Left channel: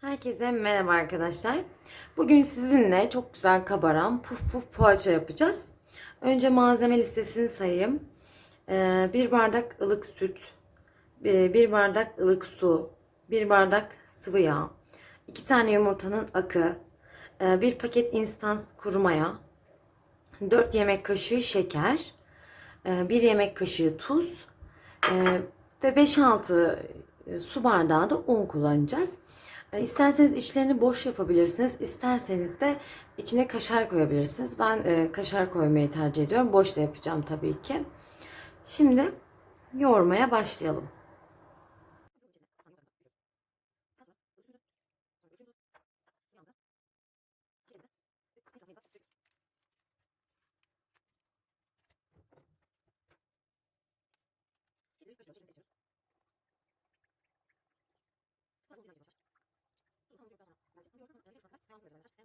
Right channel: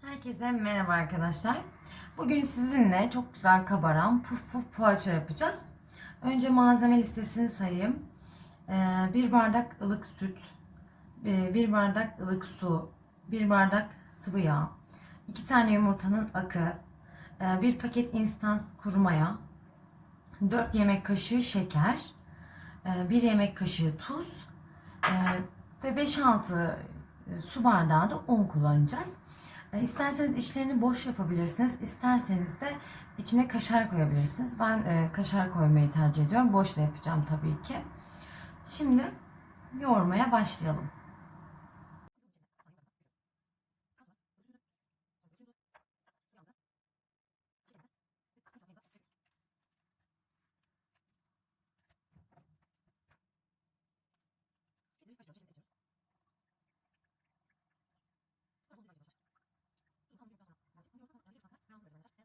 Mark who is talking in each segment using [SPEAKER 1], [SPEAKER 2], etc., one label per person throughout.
[SPEAKER 1] Herkese merhaba arkadaşlar. Bugün sizinle çok güzel kabaran puf puf poğaça yapacağız. Önce malzeme listesini sayayım. Ee, bir bardak ılık süt, e, bir bardak ılık su, bir bardak sıvı yağ, iki tane yumurtanın akı, e, bir paket instant kuru maya, 4 yemek kaşığı şeker, 1 yemek kaşığı tuz e, ve 5-6 su bardağı da un kullanacağız. E, İsterseniz içlerini boş yapabilirsiniz. İsterseniz de içine kaşar koyabilirsiniz. Ben e, kaşar koymayı tercih ediyorum. Boş da yapacağım tabii ki. Şimdi yoğurmaya başlayalım.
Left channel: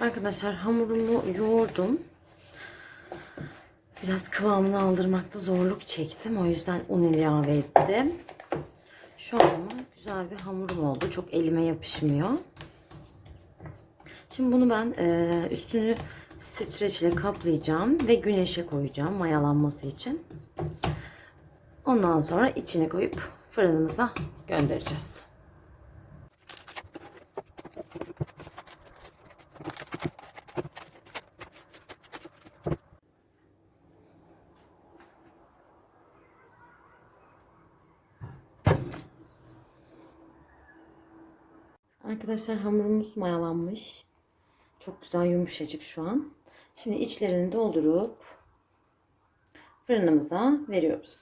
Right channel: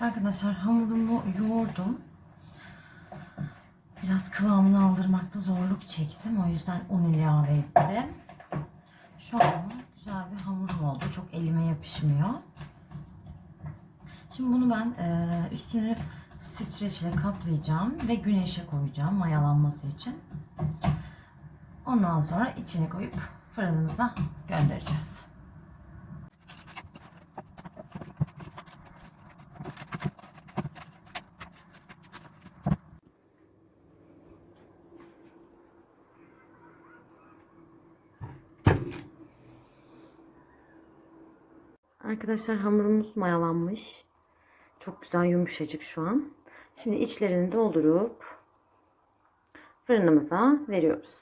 [SPEAKER 1] Arkadaşlar hamurumu yoğurdum. Biraz kıvamını aldırmakta zorluk çektim. O yüzden un ilave ettim. Şu an güzel bir hamurum oldu. Çok elime yapışmıyor. Şimdi bunu ben e, üstünü streç ile kaplayacağım ve güneşe koyacağım mayalanması için. Ondan sonra içine koyup fırınımıza göndereceğiz. Arkadaşlar hamurumuz mayalanmış. Çok güzel yumuşacık şu an. Şimdi içlerini doldurup fırınımıza veriyoruz.